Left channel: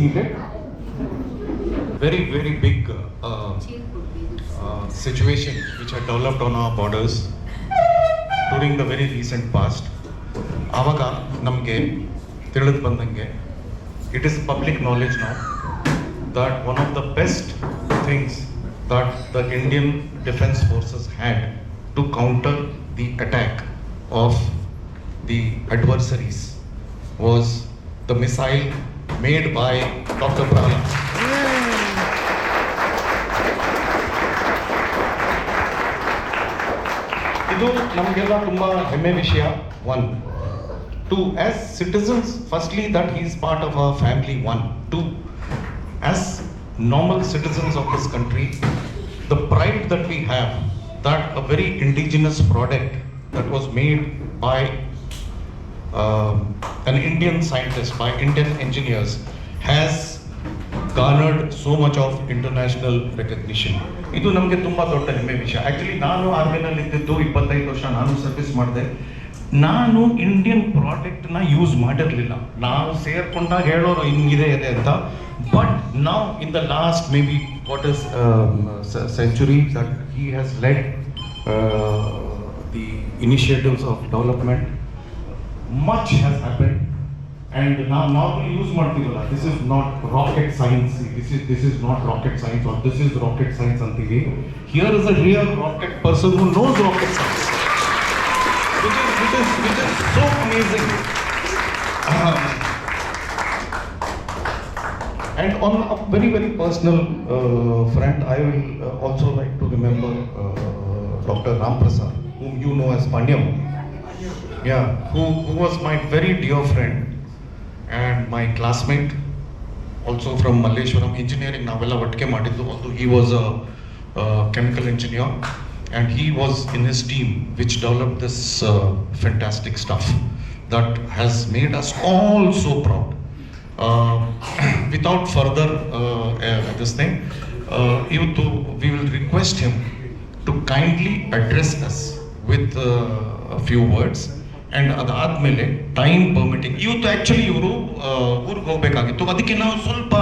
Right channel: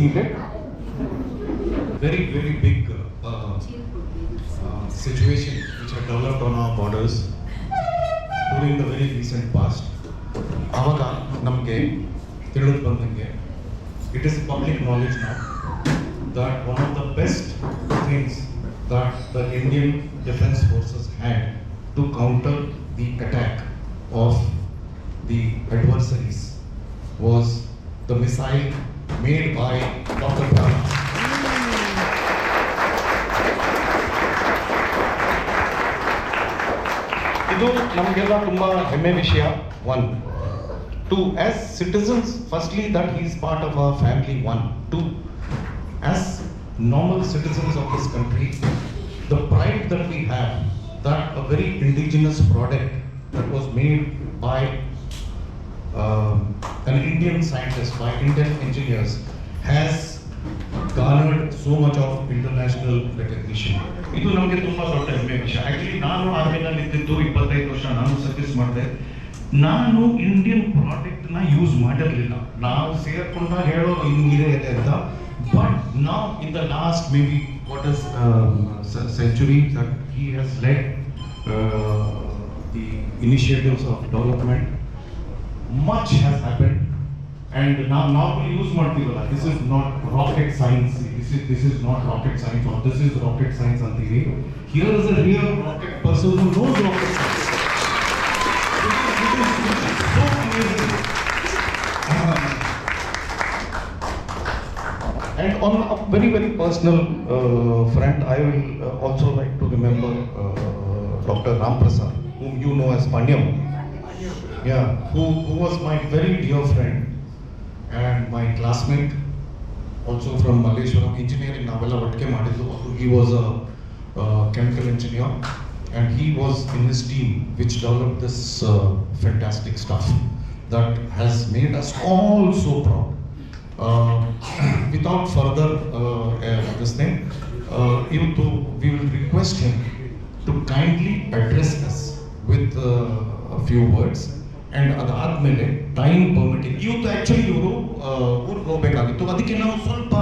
seated. Very, very big situation which had developed on our borders during the very recent past. ಆವಾಗ ನಮಗೆ ತಿಳಿದು ಬಂದಂಗೆ it is public knowledge now that one of the best things that the Indian Defence Forces had to counter the attack of the adversaries was the missile made by Dr. Prahlad. ಇದು ನಮಗೆಲ್ಲ ತುಂಬ ಹೆಮ್ಮೆ ವಿಷಯ. One. Two, as citizens, firstly that he is part of our family. One. Two, as normal citizens of this country, the pride that we have that a very indigenous product that was made by an Indian scientist, by Indian engineers, has garnered so much of international recognition. ಇದು ನಮಗೆ ತುಂಬ ದೊಡ್ಡ ಹೆಮ್ಮೆ ವಿಷಯ. Actually ನಾನು ಆರ್ಮಿನಲ್ಲಿ ಇದ್ದಿದ್ದು 25 ವರ್ಷ ನಾನು ಸರ್ವಿಸ್ ಮಾಡಿದೆ. ನಾನು ಇಂಡಿಯನ್ ಪ್ರಾಡಕ್ಟ್ನ ಯೂಸ್ ಮಾಡಿರಲಿಲ್ಲ. ನಾವು ಸೇರ್ಕೊಂಡಾಗ ಹೇಳೋರು ಹಿಂಗಿದೆ ಇದೆ ಅಂತ. ಬಟ್ ನಾವು in the last may be what is century he has led the initiatives of development. Much has happened. And now normally use ಮಾಡ್ತೀವಲ್ಲ, this is not rocket science, this is not rocket science, or this is rocket science ಅಂತೀವಿ. Here is a real rocket person who knows rocket science, which is so amazing. And on a very, very personal front, I will also like to remember Dr. Ram Prasad, whom you know as Panyam. Yeah, who was my very dear friend and my classmate, also from Malleshwaram engineering navella vattike madiddu. Also he was a chemical engineer, and he was in his team which developed this fantastic stuff that has made us all so proud. Without further this thing, we will request him to kindly address us with a few words. And ಅದಾದಮೇಲೆ time permitting, ಇವತ್ತು actually ಇವರು ಊರಿಗೆ ಹೋಗಬೇಕಾಗಿತ್ತು, ಅದಕ್ಕೆ ನಾವು ಸ್ವಲ್ಪ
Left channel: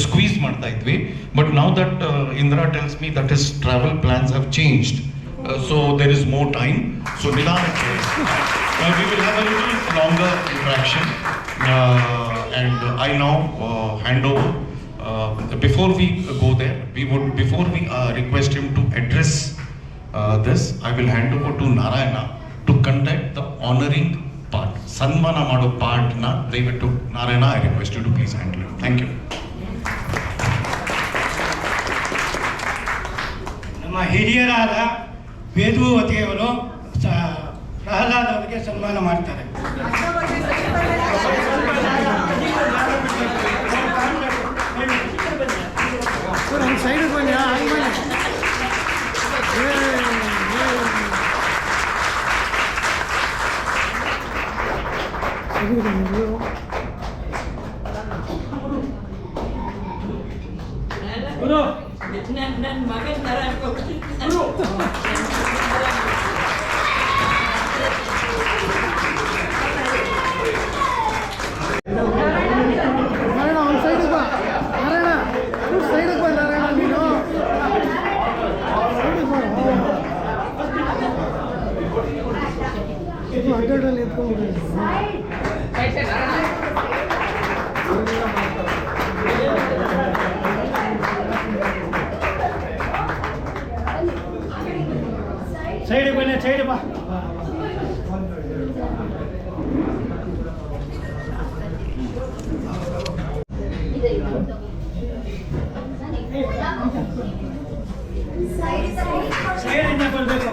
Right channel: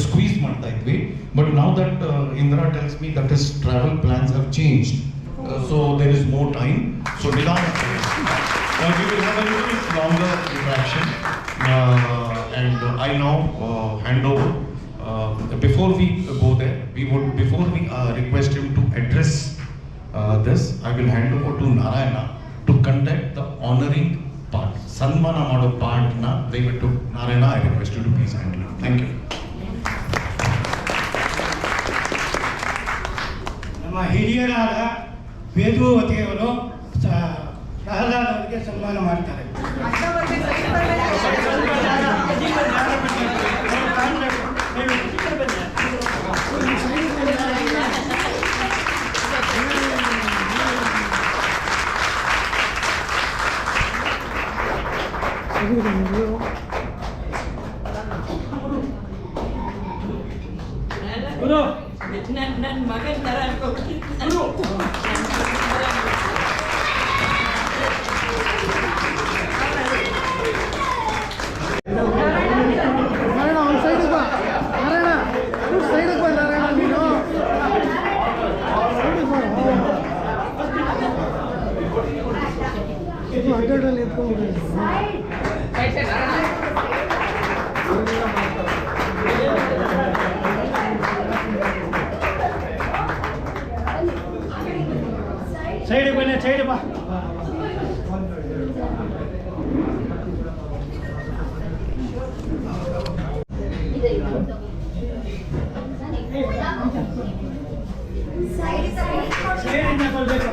squeeze ಮಾಡ್ತಾ ಇದ್ವಿ. But now that Indira tells me that is travel plans have changed, so there is more time. So ನಿಧಾನಕ್ಕೆ we will have a little longer interaction, and I now hand over. Before we go there, before we request him to address this, I will hand over to Narayana to conduct the honoring part. Sanmana mado part na dayaviಟ್ಟು Narayana, I request you to please handle it. Thank you. ನಮ್ಮ ಹಿರಿಯರಾದ ವೇದವತಿಯವರು ಪ್ರಹ್ಲಾದ್ ಅವರಿಗೆ ಸನ್ಮಾನ ಮಾಡ್ತಾರೆ. ನನ್ನ ಮಗನ ತರ side ಬನ್ನಿ, side ಬಾ. ಸೈಡಿಂದ ಬರಬೇಕು.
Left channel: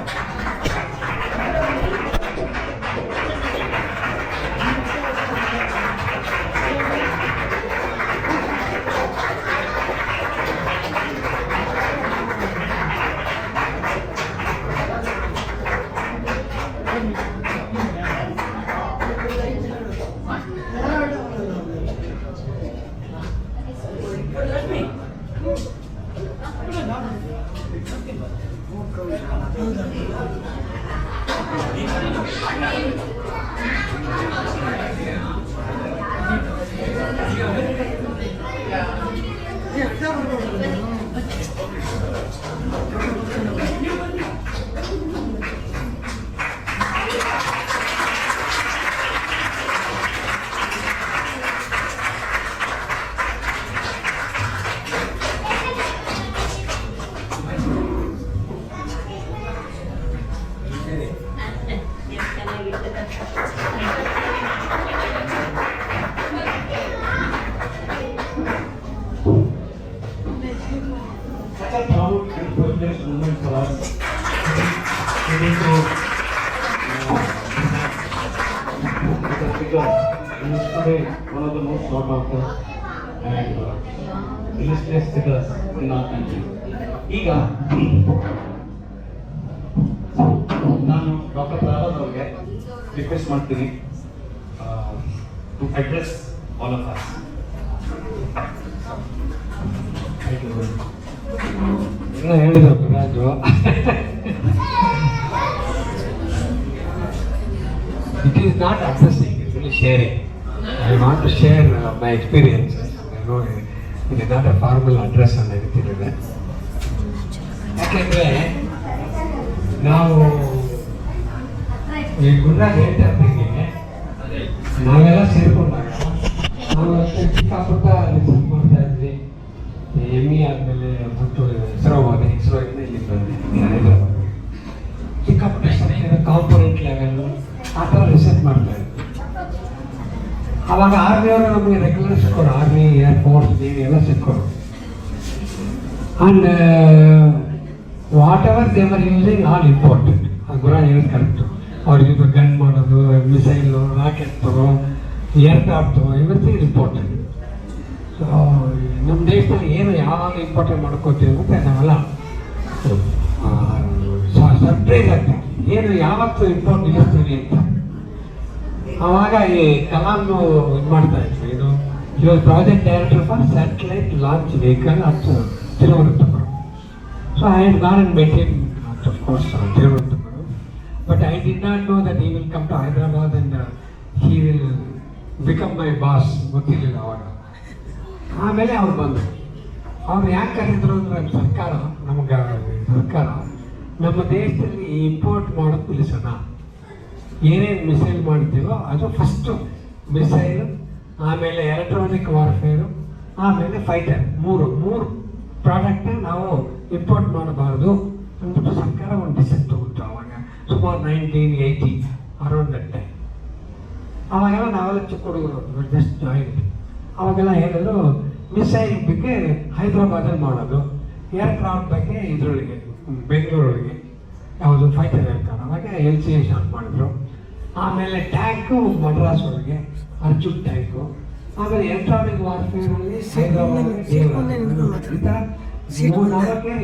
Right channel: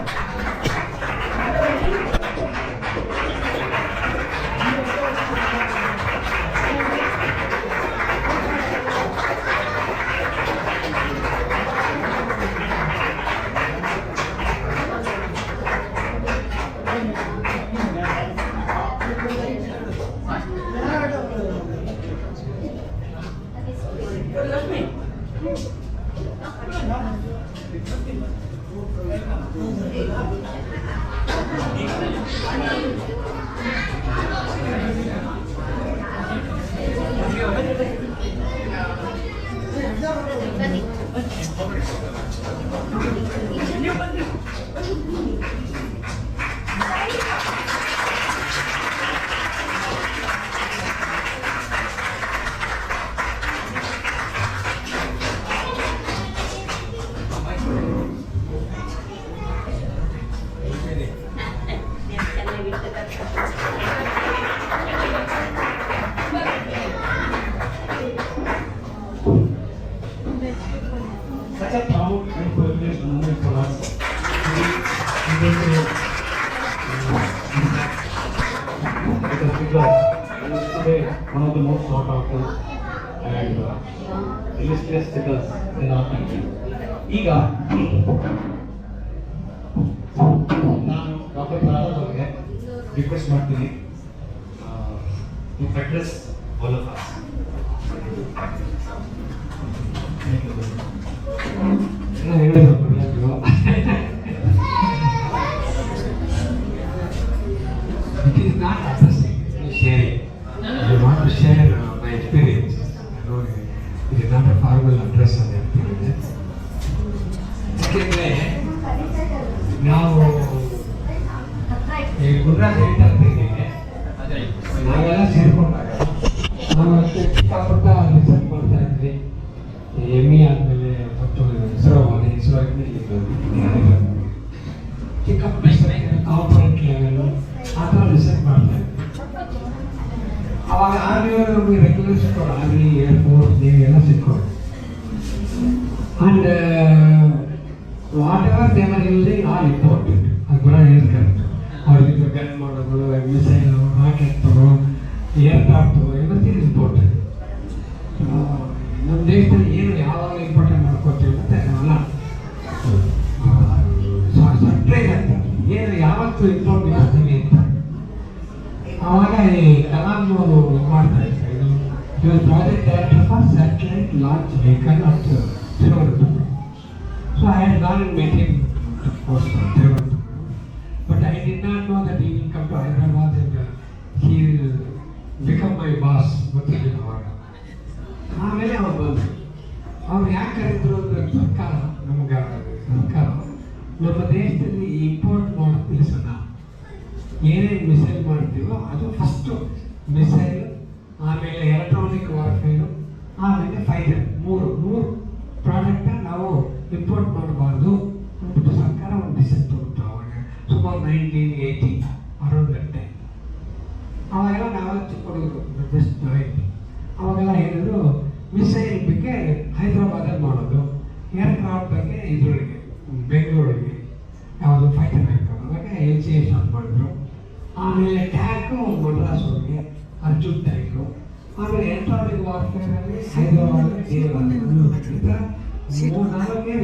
Such a proud and privileged moment for us. The figure used to be one of the most sought after and illustrious figures in our country. ಈಗ ನಾನು ಡಾಕ್ಟರ್ ಪ್ರಹ್ಲಾದ್ ಅವರಿಗೆ ರಿಕ್ವೆಸ್ಟ್ ಮಾಡ್ತೀನಿ to address all of us. It is not addressing, it is only sharing. I want to share my experiences. I know it is not a formal address and everything like that. ಯಾಕೆಂದರೆ ನಾವು ಈ ಗುರುರಾಜ್ ಹೇಳ್ತಾರ್ದಿಗೆ ನಾವೆಲ್ಲ ಸೇರ್ಕೊಂಡಾಗ ನಾವು ಚಿಕ್ಕಪುಟ್ಟ research ಮಾಡ್ತಾ ಇದ್ವಿ. M E ಆದಮೇಲೆ ಮತ್ತು ಇಸ್ರೋ ಹೋದೆ, ಇಸ್ರೋಯಿಂದ ಇಲ್ಲಿ ಬಂದೆ ಹೈದರಾಬಾದ್. ಚಿಕ್ಕ ಕಾಂಪೊನೆಂಟ್ ಲೆವೆಲ್ ಆ ಥರ ರಿಸರ್ಚ್ ಮಾಡ್ತಾ ಇದ್ವಿ. ಅವಾಗ ಆರ್ಮಿಯವರು ನಮಗೆ ರೆಗ್ಯುಲರ್ ಸಿಕ್ಕೋರು, ಆರ್ಮಿ, ಏರ್ಫೋರ್ಸ್, ನೇವಿ ಎಲ್ಲ ಸಿಕ್ಕೋರು. And whatever they are using all important. ಗುರ ಏನು ಕರೆಕ್ಟು, ಅವ್ರಿಗೆ ಗನ್ ಮಾಡೋದು, missile, rocket, aircraft, everything is important. So ನಮ್ಮ ದೇಶದಲ್ಲಿ ಏನು ಯಾವಾಗ ಇಂಪಾರ್ಟೆಂಟ್ ಮಾಡ್ಕೋತೀವಿ ಮತ್ತು ನಾವೆಲ್ಲ ಸರ್ಪ್ರೈಸ್ ಆಗ್ತೀವಿ, ಏನು ಯಾವತ್ತು ಇಂಪಾರ್ಟೆಂಟ್ ಇರ್ತೀವಿ ಅಂತ. ಆವಾಗ ಈ ಕಲಾಂನು ಇದು ಮಾಡ್ತಾ ಇದ್ವಿ. ಇದು ಇವಾಗ project director for satellite launch vehicle at Thiruvananthapuram. So I had gone and met him, of course, Thiruvananthapuram. But I did not know that he will come to Hyderabad and he will become my boss. ಗೊತ್ತಿರಲಿಲ್ಲ ಅವಾಗ. ಆಮೇಲೆ ಅವ್ರು ಬಂದರು. ಅವ್ರು ಯಾಕೆ ಕರೆದ್ರು ಅಂದರೆ ಸರ್ಕಾರ ನಮ್ಮ ದೇಶದಲ್ಲಿ ಇಂಪೋರ್ಟ್ ಮಾಡೋದು ನಿಲ್ಲಿಸೋಣ. ಏನೇನು ಮಿಸೈಲ್ ಮಾಡ್ತೀವೋ ಅದು ಫಸ್ಟು ಮಿಸೈಲ್, ಆಮೇಲೆ ಎಲೆಕ್ಟ್ರಾನಿಕ್ ವಾರ್ಫೇರು, ಆಮೇಲೆ ಫೈಟರ್, ಮೂರು ಪ್ರಾಡಕ್ಟ್ನ ನಾವು ಇಂಪೋರ್ಟ್ ಮಾಡಬಾರ್ದು ಅಂದ್ಬಿಟ್ಟು ಸರ್ಕಾರ ಒಂದು ಡಿಸಿಷನ್ ತಗೊಂಡು ಅವಾಗ ಸುಮಾರು 1980 ಅರೌಂಡ್ ದಟ್ ಟೈಮ್. ಅವಾಗೆಲ್ಲ ನಾವೆಲ್ಲ ಚಿಕ್ಕ ಹುಡುಗರು ಜಸ್ಟ್ ಜಾಯಿನ್. ಅವಾಗೆಲ್ಲ ಹೇಳಿದ್ರು ಮಿಸೈಲ್ ಬಗ್ಗೆ ಹೈದರಾಬಾದಲ್ಲಿ ಮಾಡೋದು, ಏರ್ಕ್ರಾಫ್ಟ್ ಬಗ್ಗೆ ಇದರೊಳಗೆ ಬೆಂಗಳೂರೊಳಗೆ ಯಾವುದು ಫೈಟರ್ ಏರ್ಕ್ರಾಫ್ಟ್ ಅವಾಗ LCA ಸ್ಟಾರ್ಟ್ ಮಾಡಿದ್ರು. ಆಮೇಲೆ ಟ್ಯಾಂಕು ಮಡ್ರಾಸ್ ಒಳಗೆ ಅರ್ಜುನ್ ಟ್ಯಾಂಕು, ಆಮೇಲೆ ಎಲೆಕ್ಟ್ರಾನಿಕ್ ವಾರ್ಫೇರಲ್ಲಿ ಹೈದರಾಬಾದ್ಗೆ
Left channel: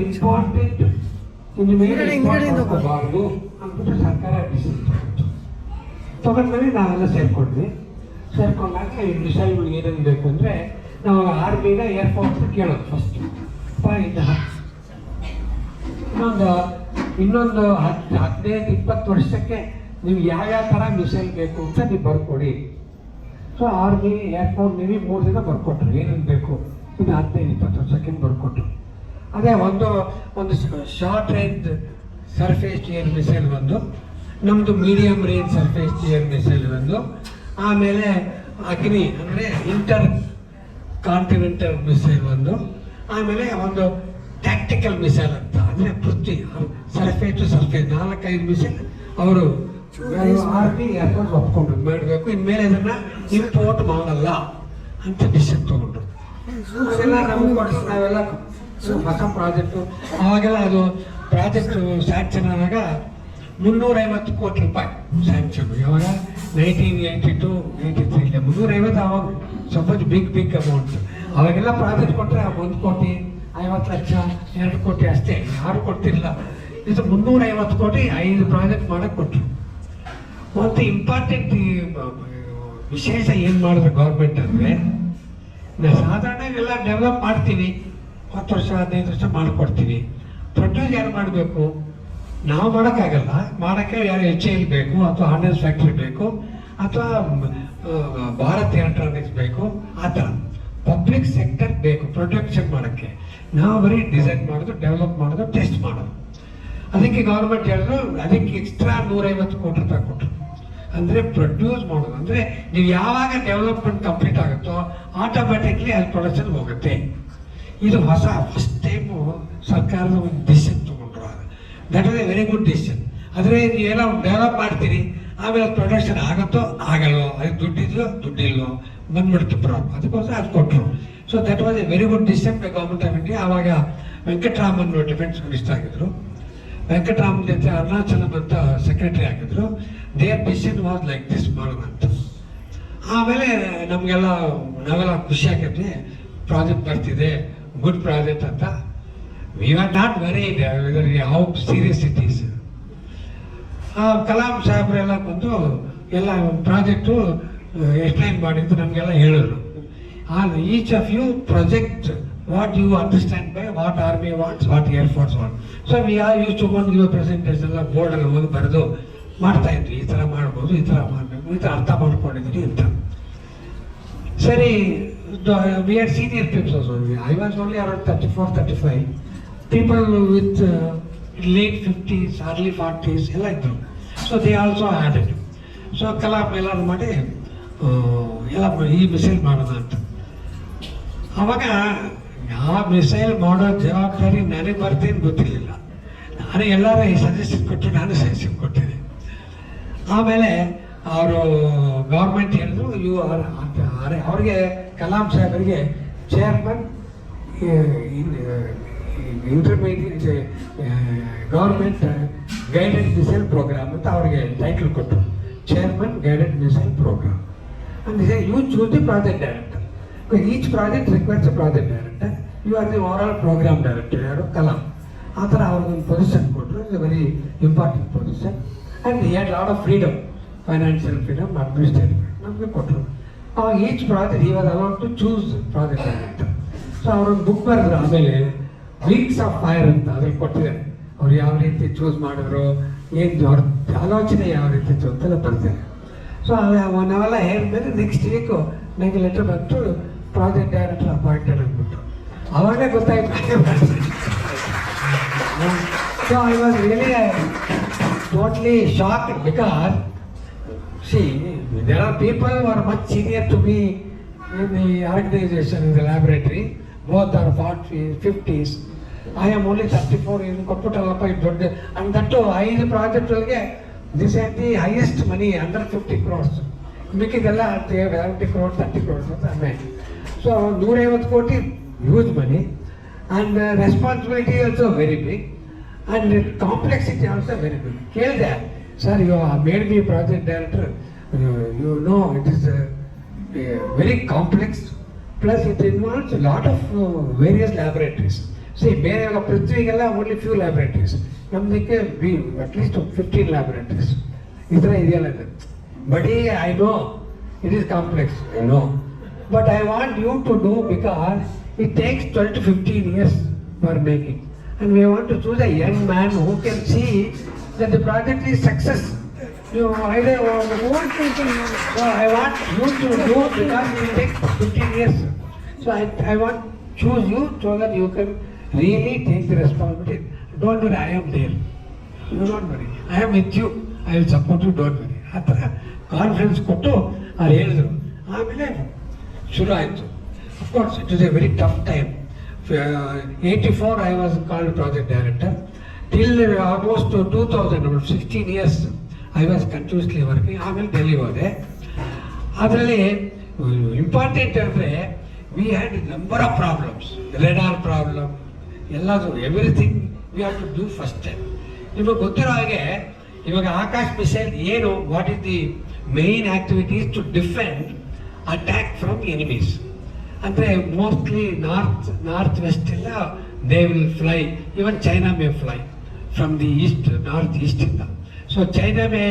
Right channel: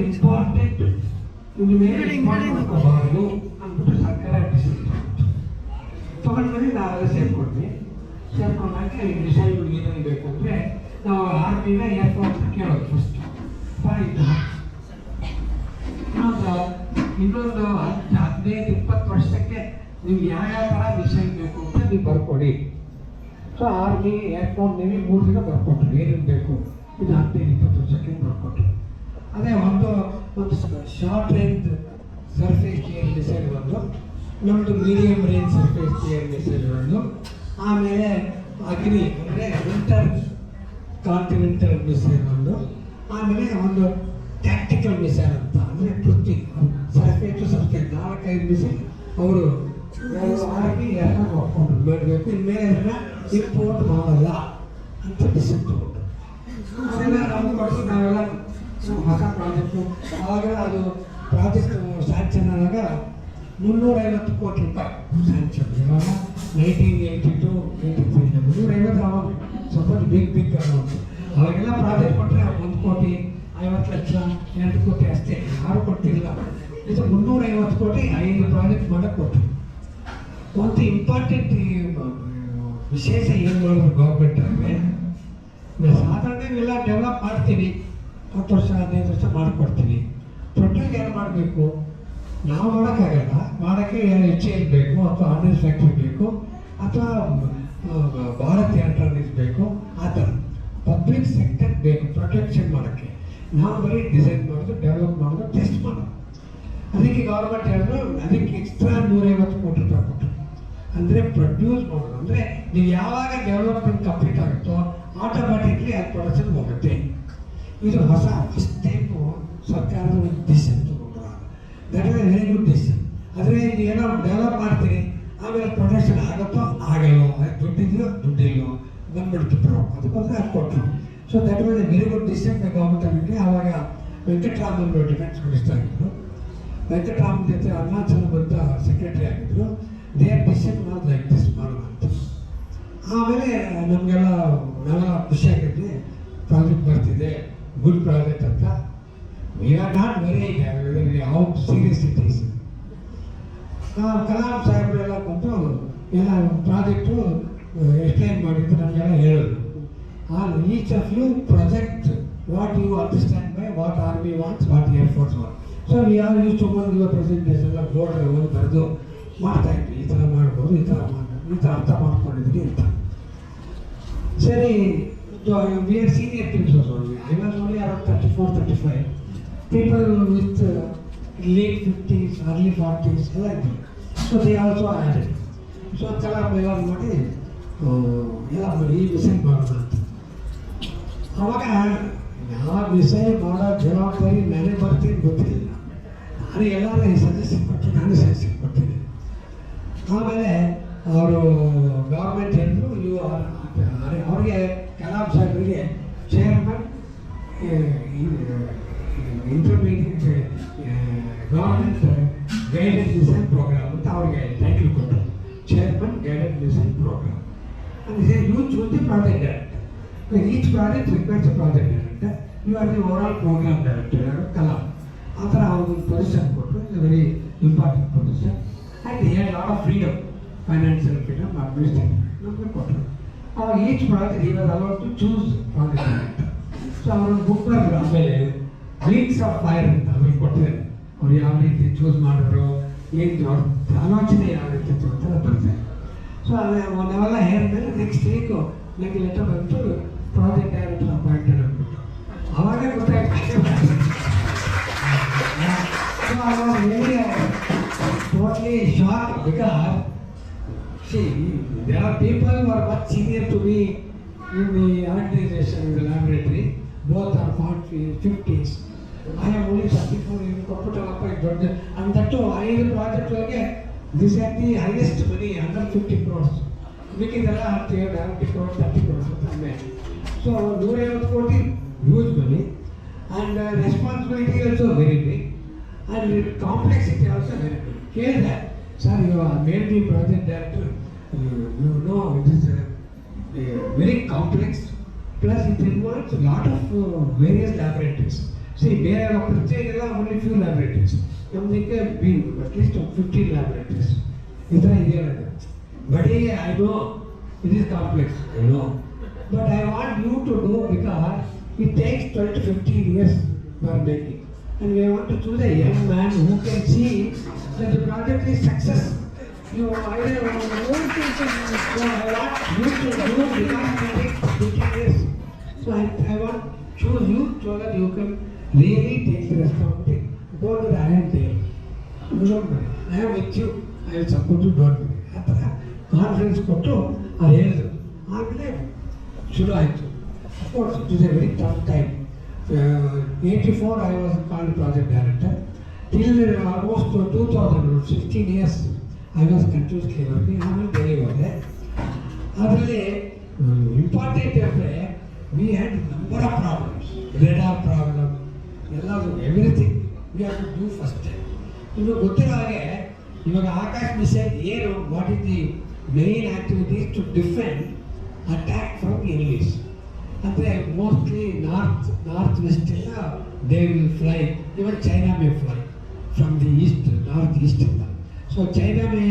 ಇಂಪಾರ್ಟೆಂಟ್ ಇನ್ನು ಮೇಲೆ ಮಾಡ್ಕೋಬಾರ್ದು ಅಂದ್ಬಿಟ್ಟು ಸರ್ಕಾರ ಡಿಸಿಷನ್ ತಗೊಂಡ್ಮೇಲೆ ನಾವೆಲ್ಲ ಸೇರ್ಕೊಂಡಾಗ ಮಿಸೈಲ್ಗಳು ಏನೇನು ಬೇಕು ಅಂದರೆ ನಾವು ಆರ್ಮಿನ ಏರ್ಫೋರ್ಸ್ ಕೇಳೋದು ಫಸ್ಟ್. ಇನ್ನೊಂದು 15-20 ವರ್ಷಕ್ಕೆ ನೀವು ಯಾವ್ಯಾವ ಥರ ಮಿಸೈಲ್ ಬೇಕು ಅಂತ ನೀವು ಬರ್ಕೊಡಿ. ಸೊ ಆರ್ಮಿ, ಏರ್ಫೋರ್ಸ್, ನೇವಿ 3 ದಿನ ಬರ್ಕೊಟ್ರು ಏನೇನು ಬೇಕು. ಇದು 15-20 ವರ್ಷಕ್ಕೆ ಬರ್ಕೊಟ್ರು. ಅದೇ ಒಂದು short range surface air missile ಒಂದು, ನಮ್ಮದು medium range surface air missile ಒಂದು, ಆಮೇಲೆ ಅಗ್ನಿ ಅಂದರೆ ಇಂಟರ್ ಕಾಂಟಿನೆಂಟಲ್ ಮಿಸೈಲ್ ಒಂದು, ಆಮೇಲೆ ಒಂದು ಟ್ಯಾಕ್ಟಿಕಲ್ ಮಿಸೈಲ್ ಅಂತ ಅಂದರೆ ಪೃಥ್ವಿ ಸರ್ಫೇಸ್ ಟು ಸರ್ಫೇಸ್ 4-5 ಮಿಸೈಲ್ ಅವರು ಆರ್ಮಿ ಏರ್ಫೋರ್ಸ್ ಒಪ್ಕೊಂಡು ಮಾಡಬೇಕು. ಇನ್ಮೇಲೆ ಅದನ್ನು ಇಂಪೋರ್ಟ್ ಮಾಡಲ್ಲ ಅಂತ ಡಿಸಿಷನ್ ತಗೊಂಡು ಅದೆಲ್ಲ ನಮ್ಗೆ ಕೊಡಿಸಿ ನಾವೆಲ್ಲ ಹೊಸ ಪ್ರಾಜೆಕ್ಟು. ಅವಾಗೆಲ್ಲ ಅದು ಪ್ರಾಜೆಕ್ಟು ಸ್ಯಾಂಕ್ಷನ್ ಆದಾಗ 350 ಕೋಟಿ ರೂಪಾಯಿ ಸ್ಯಾಂಕ್ಷನ್. ಯಾವಾಗ 1982-83 ಇಲ್ಲ 350. ಅವಾಗ ಸ್ವಲ್ಪ ಬಿಗ್ ಅಮೌಂಟ್. ಅವಾಗೆಲ್ಲ ಪ್ರಾಜೆಕ್ಟ್ ಕೊಟ್ಟರೆ 1 ಕೋಟಿ 50 ಲಕ್ಷ 2 ಕೋಟಿ ಅಷ್ಟೇ, ಯಾರು ಕೊಟ್ಟಿಲ್ಲ. ಇದು 350 ಕೋಟಿ 5 ಪ್ರಾಜೆಕ್ಟ್ ಮಾಡೋಕ್ಕೆ ಕೊಟ್ಟರು. ಒಂದು ಇಂಪಾರ್ಟೆಂಟ್ ವಿಶೇಷ ಏನು ಮಾಡಿದ್ರು ಗೌರ್ಮೆಂಟ್ ಅಂದರೆ, ಸಾಧಾರಣ ಎಲ್ಲ ಡೆವಲಪ್ ಮಾಡ್ತೀವಿ, 10 ವರ್ಷ 15 ವರ್ಷ ಮಾಡಿಕೊಡ್ತೀವಿ. ಪ್ರೊಡ್ಯೂಸ್ ಯಾರು ಮಾಡಬೇಕು? ನಾವು ಮಾಡೋಕ್ಕಾಗಲ್ಲ. ಮಾಡೋಕ್ಕೆ ಯಾರು HAL ಬೇಕು, ಅಥವಾ ಆರ್ಡಿನೆನ್ಸ್ ಫ್ಯಾಕ್ಟ್ರಿ ಬೇಕು, ಅಥವಾ ಭಾರತ್ ಎಲೆಕ್ಟ್ರಾನಿಕ್ಸ್ ಬೇಕು. ಆ ಥರ ಪಬ್ಲಿಕ್ ಸೆಕ್ಟರ್ ಬೇಕು ಪ್ರೊಡಕ್ಷನ್ ಮಾಡೋಕ್ಕೆ. ನಾವು ಬರೀ ಡಿಸೈನ್ ಮಾಡೋದು, ಡೆವಲಪ್ ಮಾಡೋದು, ಟೆಸ್ಟ್ ಮಾಡೋದು. ಅದಕ್ಕೆ ಗೌರ್ಮೆಂಟ್ ಹೇಳಿದ್ರು ಅದಕ್ಕೆ ಎಕ್ಸ್ಟ್ರಾ 150 ಕೋಟಿ ರೂಪಾಯಿ ಕೊಟ್ಟರು. ಅಂದರೆ ಪ್ರೊಡ್ಯೂಸ್ ಮಾಡೋದು, ಅಂದರೆ ನೀವು ಯಾವಾಗ ಡೆವಲಪ್ಮೆಂಟ್ ಕಂಪ್ಲೀಟ್ ಆಗುತ್ತೋ ಆಟೋಮ್ಯಾಟಿಕ್ಲಿ ಅಲ್ಲಿ ಪ್ರೊಡಕ್ಷನ್ ಹೋಗುತ್ತೆ. ಇದು ಫಸ್ಟ್ ಟೈಮು ಸರ್ಕಾರದ ಒಂದು ಡಿಸಿಷನ್ ತೊಗೊಂಡ್ರು. That is A very good decision. ಆದರೆ ನೀವೇನೋ ಡೆವಲಪ್ ಮಾಡ್ತೀರಿ, ಆಮೇಲೆ ಪ್ರೊಡಕ್ಷನ್ ಆಗುತ್ತೋ ಆಗಲ್ವೋ, ಅದಕ್ಕೆ ದುಡ್ಡಿಲ್ವೋ ಬಂದ್ಬಿಡುತ್ತೆ ಪ್ರಾಬ್ಲಮ್. ಅದಕ್ಕೋಸ್ಕರ ಅದು ಕೊಟ್ಟರು. So that was A very good decision by government of India. ಆವಾಗ ವೆಂಕಟರಾಮನ್ ಡಿಫೆನ್ಸ್ ಮಿನಿಸ್ಟರ್ ಆಗಿದ್ದರು. ವೆಂಕಟರಾಮನ್ ಜೊತೆ ಅರುಣಾಚಲಂ ಅಂತ ಸೆಕ್ರೆಟರಿ ಆಗಿದ್ದರು. Their decision was like this ಮಾಡೋಣ ಅಂತ. ಆಮೇಲೆ ನಾವೆಲ್ಲ ಖುಷಿ ಆಗಿದ್ವಿ, ಪ್ರಾಜೆಕ್ಟ್ ಬರ್ತಿದೆ, ಗುಡ್ ಪ್ರಾಜೆಕ್ಟ್ ಅಂತ. We are not very how serious it is. Kalam ಸಾಹೇಬ್ರೆಲ್ಲ ಬಂದು ಎಲ್ಲ ಪ್ರಾಜೆಕ್ಟು ಎಕ್ಸ್ಪ್ಲೈನ್ ಮಾಡಿದ್ದು ನಮಗೆಲ್ಲ ಹೇಳಿದ್ರು. Each of you project what you understand by what army wants, what air force want. So we are use to ಬಂದು your presentation ಎಲ್ಲ ಬೋರ್ಡಲ್ಲಿ ಹೋಗಿ ಬರೆದು ಮಾಡ್ತಾ ಇದ್ವಿ. ಈ ಥರ ಮಾಡ್ಬೋದು, ಈ ಥರ ಮಾಡಬೇಕು, ಈ ಥರ ಅರ್ಥ ಮಾಡ್ಕೊಂಡಿದ್ವಿ ಅಂತ. ಸರಿ, we are senior peoples also. I was only around 34-35. People with late 50s, early 40s ಎಲ್ಲ ಇದ್ದರು. So they also added. So Kalam ಎಲ್ಲರೂ ಮಾಡಿ ಎಲ್ಲ ಈ ಮಿಸೈಲ್ ಮಾಡೋಣ ಅಂತ. ಆವಾಗ ಯಾವ ಮಿಸೈಲ್ ಮಾಡೋ ಜವಾಬ್ದಾರಿ ನನಗೆ ಬರ್ತೀನಿ ಗೊತ್ತಿರಲಿಲ್ಲ. ನಾನು ಎಲ್ಲರೂ ಸಜೆಷನ್ ಕೊಟ್ಟು ನಾನು ಸಜೆಷನ್ ಕೊಟ್ಟಿದ್ದೆ. ಆಮೇಲೆ ಅವರು ಗೌರ್ಮೆಂಟ್ ಹೇಳಿದ್ರು ಅವ್ರಿಗೆ ಕಲಾಂ ಸಾಹೇಬರಿಗೆ chairman intermediate government guided missile programme ಅಂತ ಅವ್ರಿಗೆ ಟೈಟಲ್ ಕೊಟ್ಟರು. ಚೇರ್ಮನ್ ಗೈಡೆಡ್ ಮಿಸೈಲ್ ಪ್ರೋಗ್ರಾಮ್ ಅಂದರೆ you choose the project director. Each project requires a project director. You are the overall programme director. ಯಾರು ಕಲಾಂ. ಆ ಥರ ಅವ್ರಿಗೊಂದು ಪೊಸಿಷನ್ ಕೊಟ್ಟರು. It's a very important position. And he had lot of freedom, financial freedom, administrative ನಮಗೆ ಕೊಟ್ಟರು. ಅವಾಗ each project he was allowed to choose project director. So ಅವರೊಂದು book ಬರೆದ್ರು. ಆಮೇಲೆ ವಿಂಗ್ಸ್ ಆಫ್ ಫೈರ್ ಅಂತ ಅದ್ರಲ್ಲಿ ಕೊಟ್ಟಿದ್ದಾರೆ. ಅವ್ರು ಯಾವ ರೀತಿ ಚೂಸ್ ಮಾಡಿದ್ರು, ಏನು ಅವ್ರ ಆಲೋಚನೆ ಯಾವ ರೀತಿ ಇತ್ತು ಅಂತೆಲ್ಲ ಬರ್ತಾರೆ. ಸೊ ನಾವೆಲ್ಲ ಹೇಳಿದ್ಮೇಲೆ ನೆಕ್ಸ್ಟ್ ವೀಕು ನನಗೆ ಲೆಟರ್ ಬಂತು, ಪ್ರಾಜೆಕ್ಟ್ ಡೈರೆಕ್ಟರ್ ಅಪಾಯಿಂಟೆಡ್ ಅಂದ್ಬಿಟ್ಟು. ಅವಾಗಲೇ ಗೊತ್ತಾಯ್ತು. So I was really totally shocked because see there are people who are much senior to me in the organization, in the laboratory. Both are 40s, 50s. I am only 34. ಏನು ಕೊಟ್ಬಿಟ್ಟಲ್ಲಪ್ಪ ಇದು ದೊಡ್ಡ ಅಂತಟ್ಟು 5 ಪ್ರಾಜೆಕ್ಟ್ಗಳಿಗೆ this are the highest money, under 50 crores. ಮಿಕ್ಕಿದೆಲ್ಲ 30 crores 30 crores ಅಂತ ಆಮೇಲೆ. So 150 ಕೋಟಿ huge money and responsibility also very big and complexity also very big. ಕೇಳಿದೆ, sir you made me project director, you know it is very complex plus it involves lot of various laboratories. See ಬೇರೆ ಪೃಥ್ವಿಗೆಲ್ಲ only few laboratories, ನಮ್ಮದಕ್ಕೆ at least 15 laboratories ಈ ಥರ ಇದೆಯಲ್ಲ. But I know it is complex, I know, but I want you to know because it takes 12 to 15 years for making. And we want to choose a young man who can see that the project is success. You either old people, so I want you to do because it will take 15 years. So I want choose you so that you can really take the responsibility. Don't worry, I am there. You don't worry. I am with you. I will support you. Don't worry. ಆ ಥರ confidence ಕೊಟ್ಟು ಅವ್ರು ಹೇಳಿದ್ರು. ಆಮೇಲೆ ಶುರು ಆಯಿತು. Of course it is A very tough time. 84 I was called project director. Till almost 2000, 16 years I was continuously working. ಆಮೇಲೆ ಡೆಲ್ಲಿಗೆ ಹೋದೆ. ಅದರಲ್ಲಿ ಇಂಪಾರ್ಟೆಂಟ್ ಅಂದರೆ we had number of problems, radar problem ಎಲ್ಲದು, everything we have to do first time. ನಿಮಗೆ ಗೊತ್ತಿರೋ ಹಾಗೆ ಇವಾಗ ಆಕಾಶ್ ಮಿಸೈಲ್ ಏನು, what is the main activities to defend attack from enemies. ಅಂದರೆ ಮೋಸ್ಟ್ಲಿ ನಾರ್ತ್ ವೆಸ್ಟ್ ಇಂದ they will fly, even China may fly from the east, north east ಇಂದ. So China may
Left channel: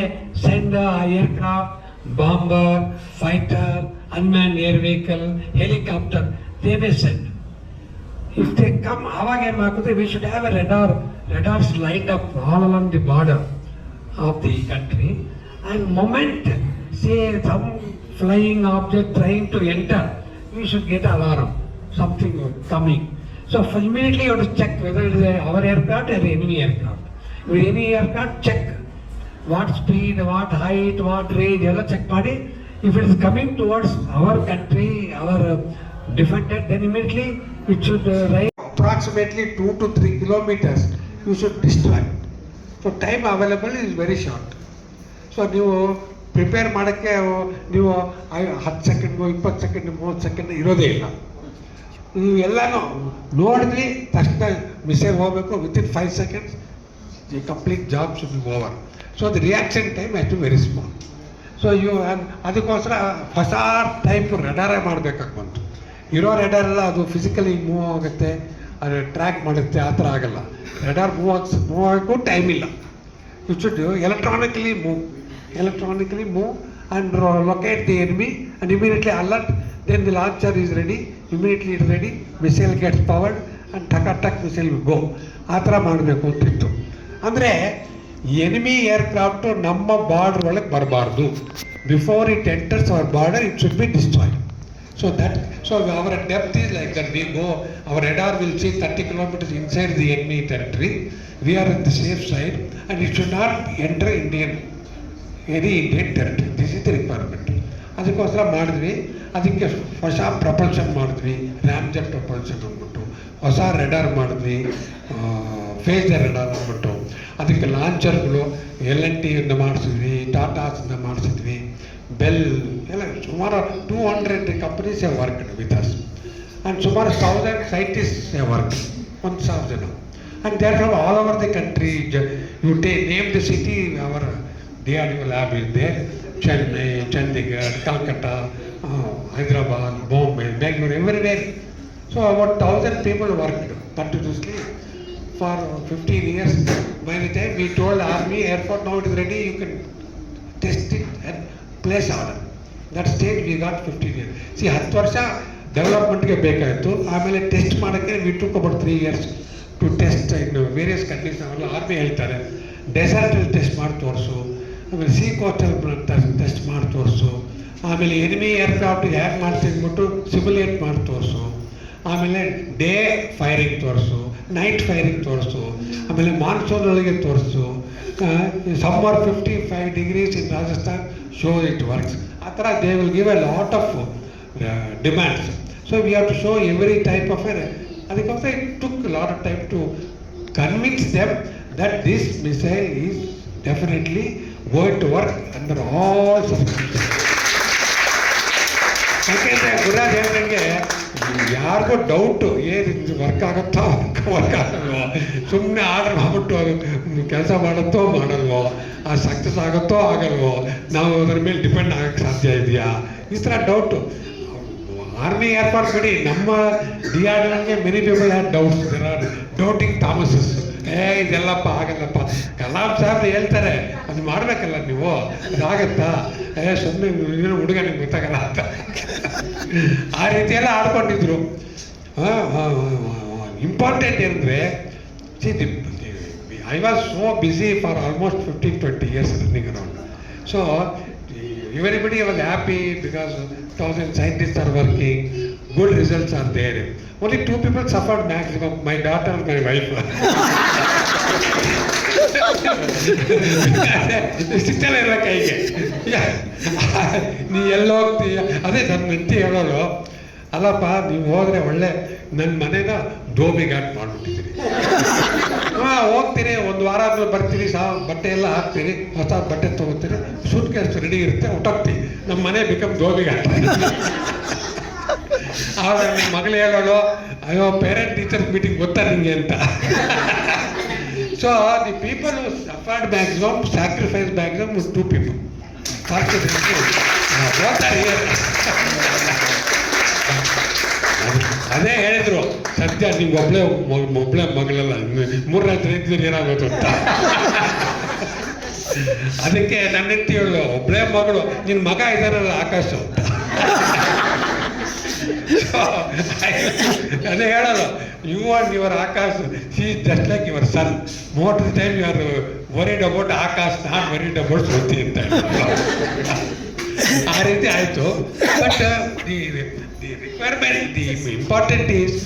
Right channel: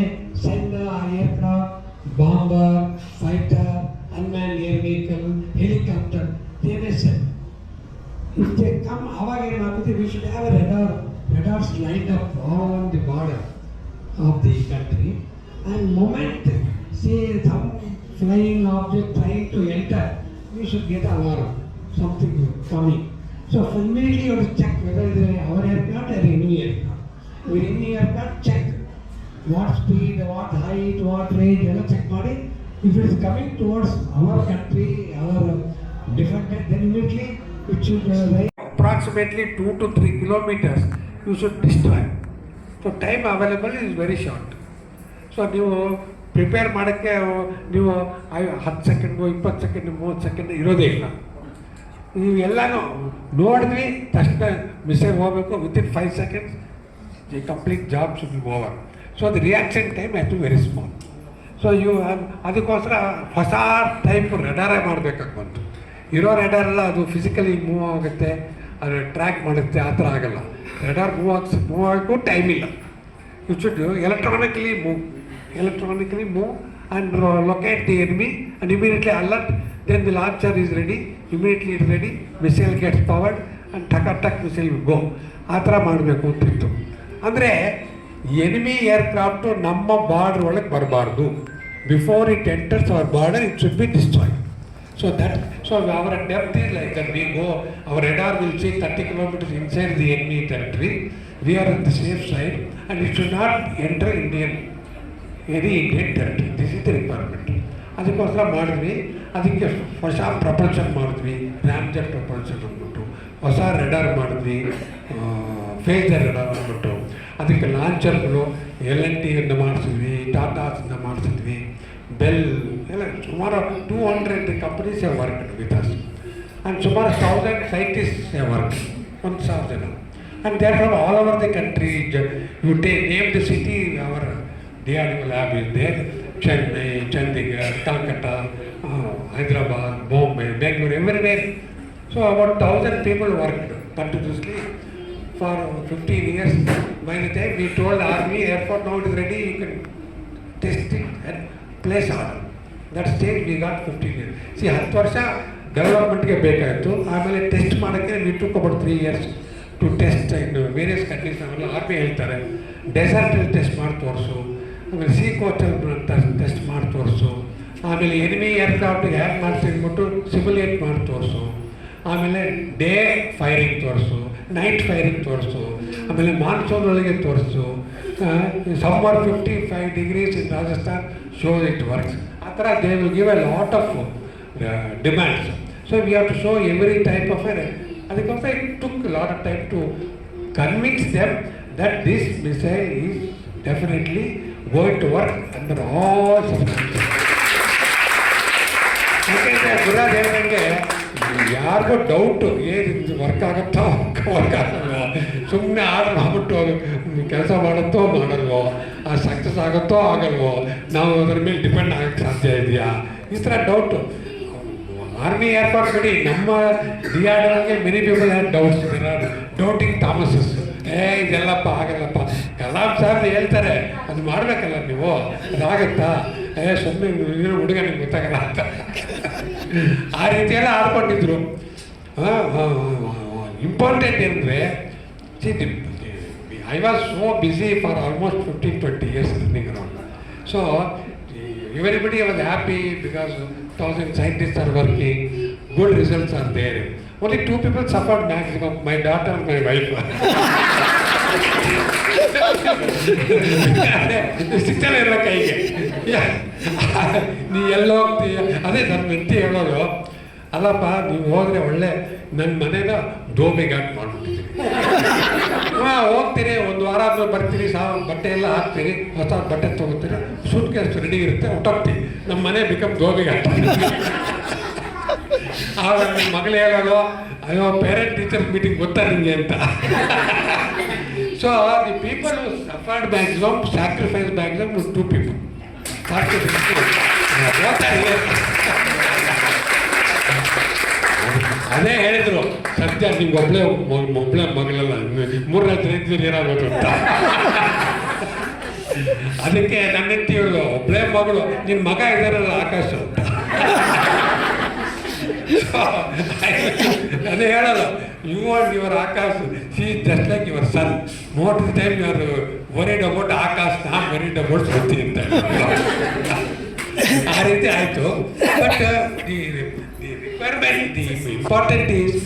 send aircraft, bomber, fighter, unman air vehicle, helicopter, they may send. If they come, ಅವಾಗ ಏನು ಮಾಡ್ತಾರೆ, we should have a radars lined up all along the border of the country. And moment say some flying object trying to enter, we should get alarm, something coming. So immediately you have to check whether it is our aircraft or enemy aircraft. If any aircraft, check what speed, what height, what range, ಎಲ್ಲ check ಮಾಡಿ. If it is coming towards our country, our defender, then immediately it should rise approximately 2 to 3 kilometers. You should destroy. So time available is very short. So ನೀವು prepare ಮಾಡೋಕ್ಕೆ ನೀವು 10 second 20 second 30 second ಇರೋದೇ ಇಲ್ಲ. ನೀವು ಎಲ್ಲನೂ ನೋಡಿದ್ವಿ ತಕ್ಷಣ missile ಹೋಗಬೇಕು, within 5 seconds the complete job should be over. So the reaction time has to very small. So ಅದಕ್ಕೋಸ್ಕರ ಹೊಸ ಟೈಪ್ ರೆಡಾರೇ ಮಾಡಬೇಕಾಗಿ ಬಂತು. ಇರೋ ರೆಡಾರ್ ಎಲ್ಲ ಅದು ಫಿಸಿಕಲಿ ಮೂವ್ ಆಗುತ್ತೆ, ಅದು ಟ್ರ್ಯಾಕ್ ಮಾಡುತ್ತೆ, ಆ ಥರ ಆಗಲ್ಲ. ರೆಡಾರ್ ಮೂವ್ ಆಗೋಕ್ಕೂ ಟೈಮ್ ಇಲ್ಲ. You should electronically move and locate the enemy and immediately alert. Then the launcher is ready, immediately it's ready, missile gets powered and ಟಕ್ missile will go. ಆ ಥರ ಮಾಡಬೇಕು ಅಂತಿತ್ತು. ಅಂದರೆ ಎನಿಮಿ ಏರ್ಕ್ರಾಫ್ಟು ನಮ್ಮ border ಒಳಗೆ ಬರಬಾರ್ದು. Before it enters our border it should be destroyed. So our depth is like that. We go, our radar will see 30 kilometers inside the enemy territory. We are on the safe side and it should not enter Indian territory. This is the requirement. ಅದಕ್ಕೋಸ್ಕರ ಮಾಡಿದ್ವಿ. ಅದಕ್ಕೆ ಹೊಸ propulsion ಮಾಡಿದ್ವಿ, ರ್ಯಾಮ್ಜೆಟ್ propulsion ಅಂದ್ಬಿಟ್ಟು ಹೊಸ radar ಮಾಡಿದ್ವಿ, face radar ಅಂದ್ಬಿಟ್ಟು. ಅದಕ್ಕೆ ಲಾಂಚರ್ಗಳು LNT ಇಂದ ಮಾಡಿಸಿದ್ವಿ, ಟಾಟಾಸಿಂದ ಮಾಡಿಸಿದ್ವಿ, ಬೆಲ್ ಎಲ್ಲ ಸುಮಾರು 200 companies have worked with us and ಸುಮಾರು 1000 ಸೈಂಟಿಸ್ಟ್ಸ್ ಹ್ಯಾವ್ ವರ್ಕ್ಡ್, 1000 ಜನ. And they are from all over the country. You name the city, our DRDO lab is there. Chennai, Chandigarh, Calcutta, Hyderabad, Bombay, Bangalore, everywhere. So about 1000 people worked continuously for 15 years. By the time we told Army, Air Force, now it is ready, you can test it and place order. That stage we got 15 years. See, 10 ವರ್ಷ ಡೆವಲಪ್ಮೆಂಟ್ಗೆ ಬೇಕಾಯಿತು. ಆಮೇಲೆ test ಮಾಡೋಕ್ಕೆ we took about 3 years to test in various countries. Army ಹೇಳ್ತಾರೆ ಡೆಸರ್ಟಲ್ಲಿ test ಮಾಡಿ ತೋರಿಸು, ಆಮೇಲೆ C ಕೋಸ್ಟಲ್ಲಿ test ಮಾಡಿ ತೋರಿಸು, ಆಮೇಲೆ ಎನಿಮಿ ಏರ್ಕ್ರಾಫ್ಟ್ ಹ್ಯಾಕ್ ಮಾಡ್ತೀನಿ ಅಂದ್ಬಿಟ್ಟು ಸಿಮ್ಯುಲೇಟ್ ಮಾಡಿ ತೋರಿಸು, ಆಮೇಲೆ ಡೇ ಫೈರಿಂಗ್ ತೋರಿಸು, ನೈಟ್ ಫೈರಿಂಗ್ ತೋರಿಸು, ಆಮೇಲೆ ಮಾನ್ಸೂನ್ ಒಳಗೆ ತೋರಿಸು, summer 55 degrees in Rajasthan, show it works. ಆ ಥರ they will give a lot of demands. So we have to show every type of ಅದಕ್ಕೋಸ್ಕರ it took lot of time to convince them that this missile is definitely going to work under all circumstances. ಯಾಕೆಂದರೆ ಗುರುರಾಜ್ ಹೇಳ್ದಂಗೆ ಯಾರಿಗೂ doubt ಏನಿದು work ಆಗುತ್ತೋ work ಆಗಲ್ವೋ, ಸುಮ್ಮನೆ order ಮಾಡ್ಬಿಟ್ಟು ಕೆಲಸ ಮಾಡುತ್ತೋ ಮಾಡಲ್ವೋ, success ಆಗುತ್ತೋ ಆಗಲ್ವೋ, ನಾವು ಅದ್ರ ಮೇಲೆ ಡಿಪೆಂಡ್ ಆಗೋಕ್ಕೆ ಸಾಧ್ಯ ಇದೆಯಾ, ಈ ಥರ ಡೌಟು. ಆರ್ಮಿ ಏರ್ಫೋರ್ಸ್ ಬಿಡಿ, ನಮ್ಮ DRDOಗೆ many people have doubts. Doubting Thomases, ಇದೆಲ್ಲಪ್ಪ ಆಗಲ್ಲಪ್ಪ. ಕಲಾಂ ಸಾಹೇಬ್ ಹೇಳ್ತಾರೆ ಅದು ಮಾಡಬೇಕಲ್ಲ ನೀವು, ಅದಾಗತ್ತಾ, ಸುಮ್ಮನೆ ಏನೋ ಹುಡುಗ ನಿಮ್ಗೆ ಗೊತ್ತಾಗಲ್ಲ ಅಂತ ಆ ರೀತಿಯೆಲ್ಲ ಆಡ್ಕೊಂಡಿದ್ರು. ಇಂಪಾರ್ಟೆಂಟ್ ಏನಂದರೆ, I was so busy for almost 15-20 years running around. So everybody was happy because 1000 scientists are working, good results are there. Only 2 people suffered maximum, my daughter and my wife. ಸಿಗ್ತಾನೆ ಇಲ್ಲ ಕೈಗೆ. ನೀ ಎಲ್ಲ ಹೋಗ್ತೀಯ, ಅದೇ ನನ್ನ ವ್ಯಕ್ತಿ ಹೇಳೋದು, ಅಲ್ಲಪ್ಪ ನೀವು ಹೋದರೆ ಒಳ್ಳೆ ನನ್ನ ಮನೇನ ಡೋಬಿ ಘಾಟ್ ಮಾಡಿಬಿಟ್ಟಿದ್ದೀನಿ. ಹೋಗ್ತೀರಿ, 1 ವಾರ ಆದ್ಮೇಲೆ ಬರ್ತೀರಿ, ಬಟ್ಟೆ ಎಲ್ಲ ಹಾಕ್ತೀರಿ, ಹೊಸ ಬಟ್ಟೆ ತೊಗೋತೀರಿ, ಸೂಟ್ ಕೇಸ್ ರೆಡಿ ಇರುತ್ತೆ, ಹೊಟ್ಟೋಗ್ತೀವಿ, ನಮ್ಮ ಮನೆ ಬಿಕಮ್ ಡೋಬಿ ಘಾಟ್. ಆವಾಗ ನನ್ನ ಮಗಳು ಹೇಳೋದು, ಅಯ್ಯೋ ಪೇರೆಂಟ್ ಟೀಚರ್ಸ್ ಮೀಟಿಂಗ್ ಗೊತ್ತಾ ನಿಮಗೆ ಅಂತ. So the people who suffered maximum, sacrifice maximum 2 people. ಅದೇ ಹೇಳಿದ್ರು, ಸದ್ಯ ನಿಮ್ಗೆ ಒಬ್ಬಳೆ ಮಗಳಲ್ಲ, 3 ಇದ್ದರೆ ಏನಾಗೋದು ಅಂತ. ಅದಕ್ಕೆ ನನ್ನ ಹೆಂಡತಿ ಹೇಳೋದು, ಒಬ್ಬಳೆ ಮಗಳು, ನಿನ್ನ ಮಗ ಇದ್ದಾರಲ್ಲ ಆಕಾಶ ಅಂತ. ಅದೇ ಹೇಳೋದು, you are your Akash, see just like your son, most of the time you are worried about Akash, not worried about Srishti ಅಂತ. ಆ ರೀತಿ ಆಯಿತು. But the requirement, the important is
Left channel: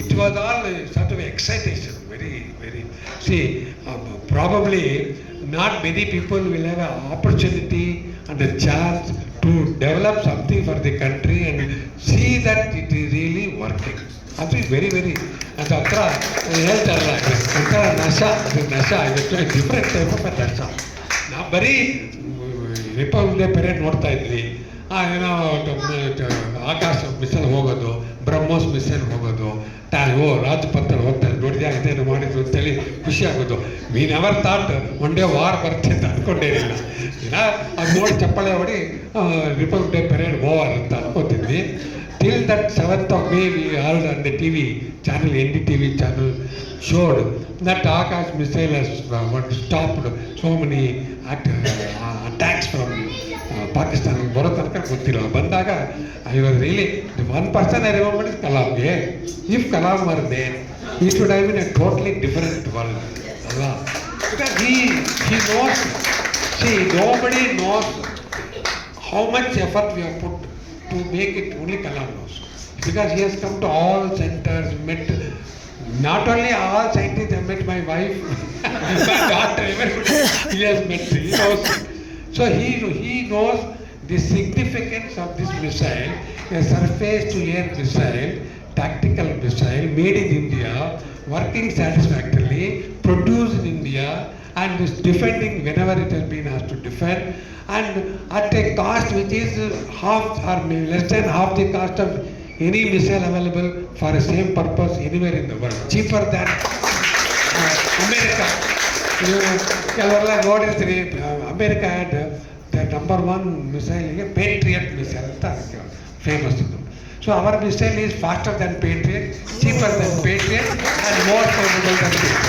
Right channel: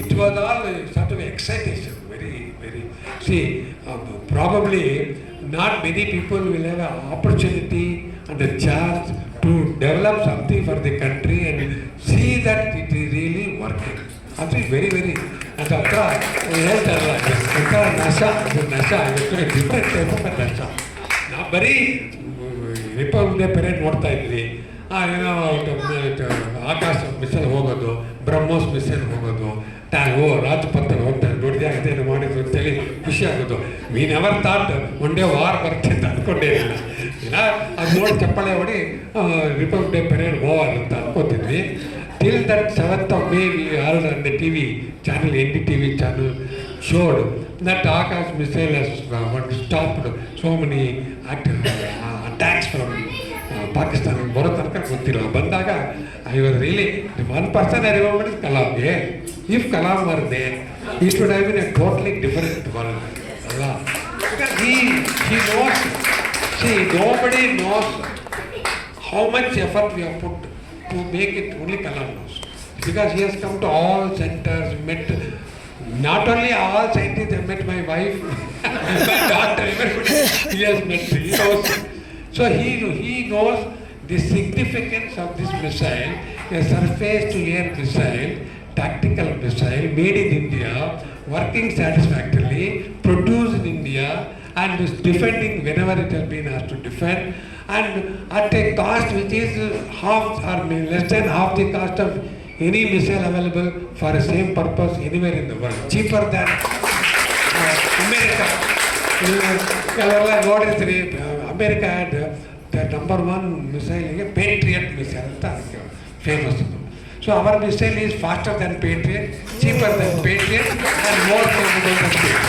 it was all sort of excitation, very. See, probably not many people will have an opportunity and a chance to develop something for the country and see that it is really working. That is very, ಅದು ಹತ್ರ ಹೇಳ್ತಾರಲ್ಲ ಒಂಥರ ನಶ, ಇದು different type of ನಶ. ನಾವು ಬರೀ republic day parade ನೋಡ್ತಾ ಇದ್ವಿ, ಏನೋ ಆಕಾಶ ಮಿಷನ್ ಹೋಗೋದು, ಬ್ರಹ್ಮೋಸ್ ಮಿಷನ್ ಹೋಗೋದು, ರಾಜಪಥ ಹೋಗ್ತಾರೆ, ದೊಡ್ಡದಾಗಿದೆ ಮಾಡಿದ್ರು ಅಂತೇಳಿ ಖುಷಿ ಆಗೋದು. We never thought one day war ಬರುತ್ತೆ ಅಂತ ಅಂದ್ಕೊಂಡೇ ಇಲ್ಲ. ಅದು ನೋಡಿ ಚಪ್ಪಾಳೆ ಹೊಡಿ ರಿಪಬ್ಲಿಕ್ ಡೇ ಪೆರೇಡ್ ಓವರ್ ಅಂತ ಅನ್ಕೋತಿದ್ವಿ. Till that 7th of May, we heard on the TV channel, NDTV channel, showed that Akash missile has stopped so many attacks from Pakistan. ಬರೋ ತನಕ ಗೊತ್ತಿಲ್ಲ. ಬಂದಾಗ I was really, the one person I remember is Kalam. If Kalam were there, he should have been a totally different world. Because he knows, see, nobody knows how much effort we have put to make it. Only Kalam knows, because he has come to all centers, met not only all scientists, I met my wife, my daughter, everybody he has met. He knows. So he knows the significance of this missile, a surface-to-air missile, tactical missile made in India, working satisfactorily, produced in India, and is defending whenever it has been asked to defend, and at a cost which is half or less than half the cost of any missile available for the same purpose anywhere in the world, cheaper than America. Everla noಡಿದ್ರಿ, America had the number 1 missile, Patriot missile ಅಂತ famous. So our missile is faster than Patriot, cheaper than Patriot, and more capable than Patriot.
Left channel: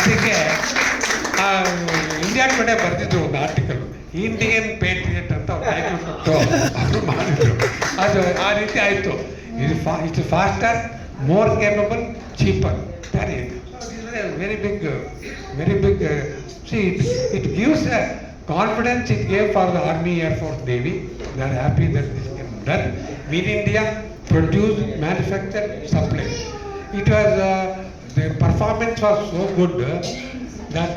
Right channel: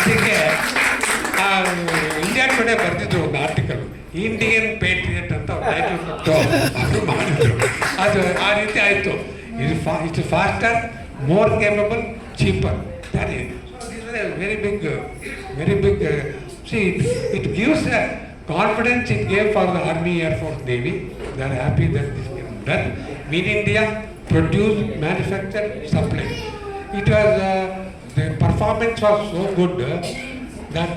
ಅದಕ್ಕೆ India today ಬರೆದಿದ್ರು ಒಂದು article, Indian ಪೇಟ್ರಿಯಟ್ ಅಂತ ಅದು ಮಾಡಿದ್ರು. ಅದು ಆ ರೀತಿ ಆಯಿತು. It's faster, more capable, cheaper. Very big it gives a confidence it gave for the Army, Air Force, Navy. They are happy that this is done. Made in India, produced, manufactured, supplied. It was the performance was so good that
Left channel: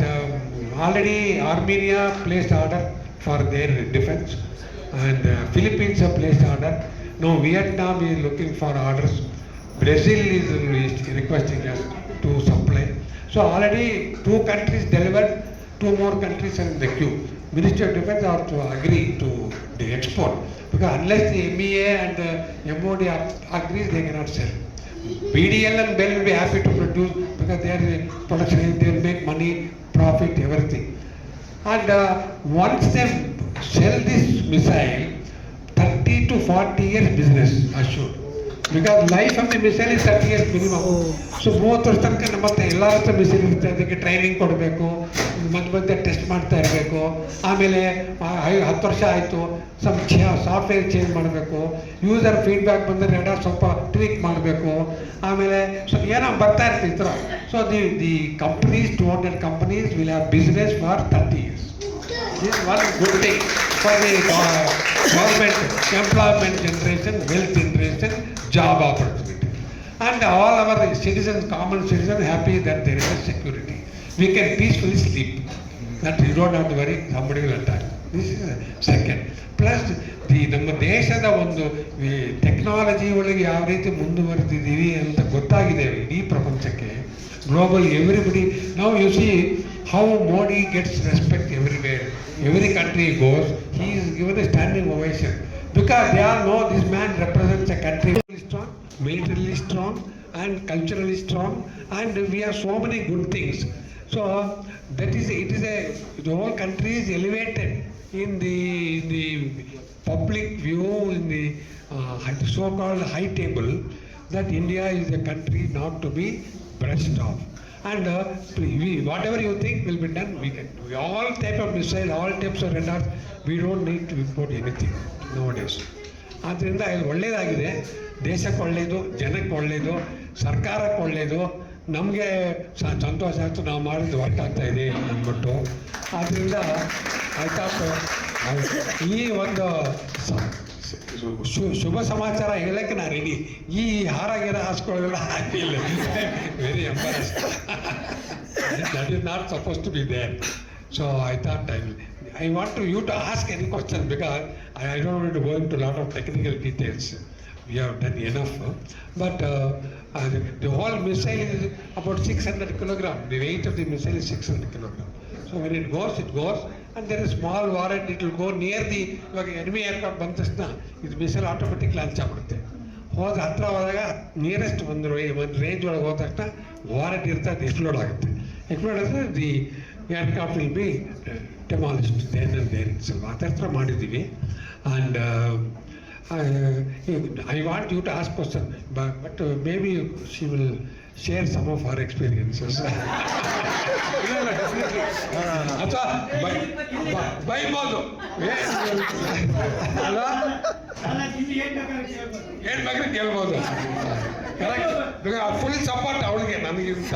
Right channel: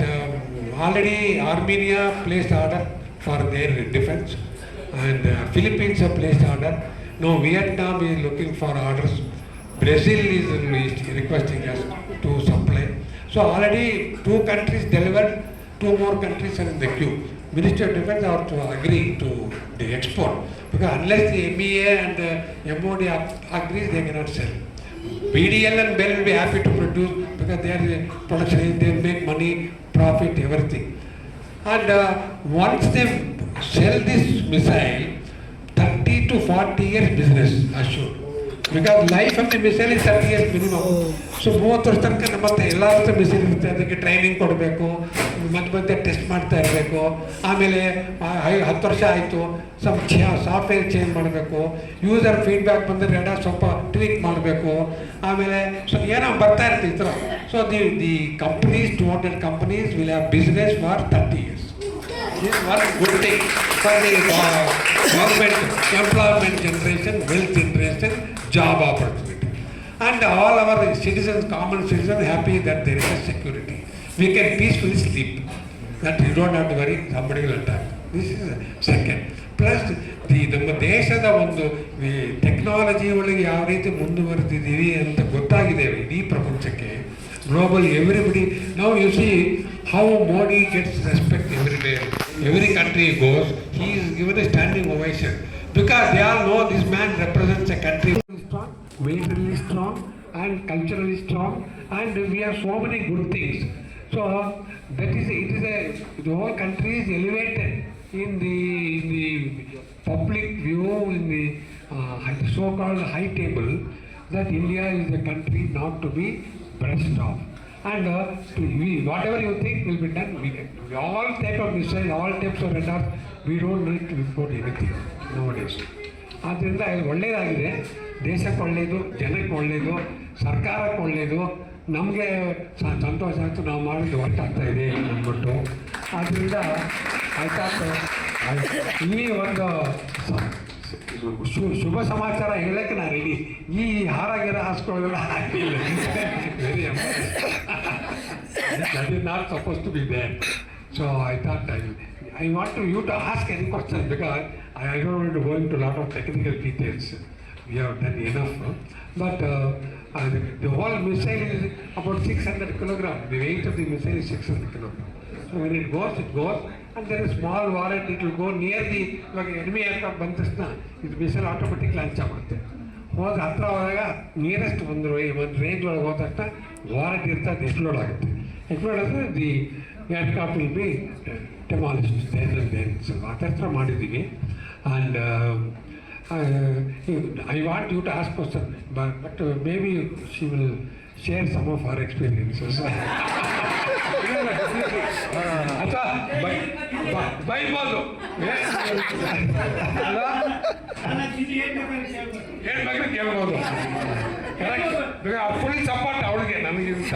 already Armenia placed order for their defense, and Philippines have placed order. Now Vietnam is looking for orders. Brazil is requesting us to supply. So already 2 countries delivered, 2 more countries are in the queue. Ministry of Defense are to agree to the export, because unless the MEA and MOD agrees, they cannot sell. BDL and BEL will be happy to produce, because they are the production, they will make money, profit, everything. And once they sell this missile, 30 to 40 years business assured. Because life of the missile is 30 years minimum. So 30 ವರ್ಷ ತನಕ ನಮ್ಮ ಹತ್ರ ಎಲ್ಲ missile ಇರುತ್ತೆ. ಅದಕ್ಕೆ training ಕೊಡಬೇಕು, ಮತ್ತೆ test ಮಾಡ್ತಾ ಇರಬೇಕು. ಆಮೇಲೆ 10 ವರ್ಷ ಆಯಿತು, ಸಾಫ್ಟ್ವೇರ್ ಚೇಂಜ್ ಮಾಡಬೇಕು, ಯೂಸರ್ ಫೀಡ್ಬ್ಯಾಕ್ ಬಂದರೆ ಸ್ವಲ್ಪ ಟ್ವೀಕ್ ಮಾಡಬೇಕು, ಆಮೇಲೆ ಸ್ವಲ್ಪ ಏನೋ ಬರ್ತಾ ಇರುತ್ತೆ ಈ ಥರ. So the companies, 200 companies will have business for 30 years. This is one good thing for the government, employment generation, wealth generation, job opportunity. And all our citizens, common citizens, happy that there is a security. We can peacefully sleep. That you don't have to worry, somebody will attack. This is second. Plus, ನಮ್ಮ ದೇಶದ ಒಂದು technology ಒಳಗೆ ಯಾವ ರೀತಿ ಮುಂದುವರೆದಿದ್ದೀವಿ ಅಂತ ಗೊತ್ತಾಗಿದೆ ಇಡೀ ಪ್ರಪಂಚಕ್ಕೆ. Globally, everybody, now you see how Modi gets respect everywhere. Every country he goes, he is given a standing ovation, because they all know this man represents a country strong, militarily strong, and culturally strong, and we have so many good things. So that is, the whole country is elevated in the public view, in the so-called high table, that India is a country not to be brushed off. And whatever you think will be done, we can. All type of missile, all types of radars, we don't need to import anything nowadays. ಆದ್ದರಿಂದ ಇದು ಒಳ್ಳೆಯದಾಗಿದೆ, ದೇಶಕ್ಕೆ ಒಳ್ಳೆಯದು, ಜನಕ್ಕೆ ಒಳ್ಳೆಯದು, ಸರ್ಕಾರಕ್ಕೆ ಒಳ್ಳೆಯದು, ನಮಗೆ ಸಂತೋಷ ಆಯಿತು, ನಾವು ಮಾಡಿದ್ದು ವರ್ಕ್ ಆಗ್ತಾಯಿದೆ ಅಂದ್ಬಿಟ್ಟು. ಆದ್ದರಿಂದ ಆಯ್ತಾ ಈ ಒಂದು ಶುಭ ಸಮಾಚಾರ ಹೇಳಕ್ಕೆ ನಾನು ರೆಡಿ. ಈ ಹಾರ ಗಿರ ಹಾಸ್ಕೊಳ್ಳೋದೆಲ್ಲ ಆಗಿಲ್ಲ. Very embarrass. That is not suppose to be there. So I thought I want you to ask any question because I don't want to go into a lot of technical details. We have done enough. But the whole missile is about 600 kilograms. The weight of the missile is 600 kilograms. So when it goes, and there is small warhead, it will go near the enemy aircraft ಬಂದ ತಕ್ಷಣ ಇದು missile automatic launch ಆಗ್ಬಿಡುತ್ತೆ. ಹೋದ ಹತ್ರ ಹೋದಾಗ nearest ಒಂದು range ಒಳಗೆ ಹೋದ ತಕ್ಷಣ ವಾರೆಂಟ್ ಇರ್ತದೆ, ಅದು ಎಕ್ಸ್ಪ್ಲೋಡ್ ಆಗುತ್ತೆ. ಎಕ್ಸ್ಪ್ಲೋಡ್ ಆದರೆ the aircraft will be demolished there and there itself. ಆ ಥರ ಮಾಡಿದ್ದೀವಿ. And I want you to ask question, but maybe she will share some of her experiences. ಅಥವಾ ಬೈಬೋದು ಅಲ್ವಾ, ಏನು ಬೇಕಾದ್ರೆ ಕೇಳ್ಬೋದು. ಕರೆಕ್ಟ್, ಫುಲ್ ಸಪೋರ್ಟ್ ಅವಳಿಗೆ ನನಗಿಂತ.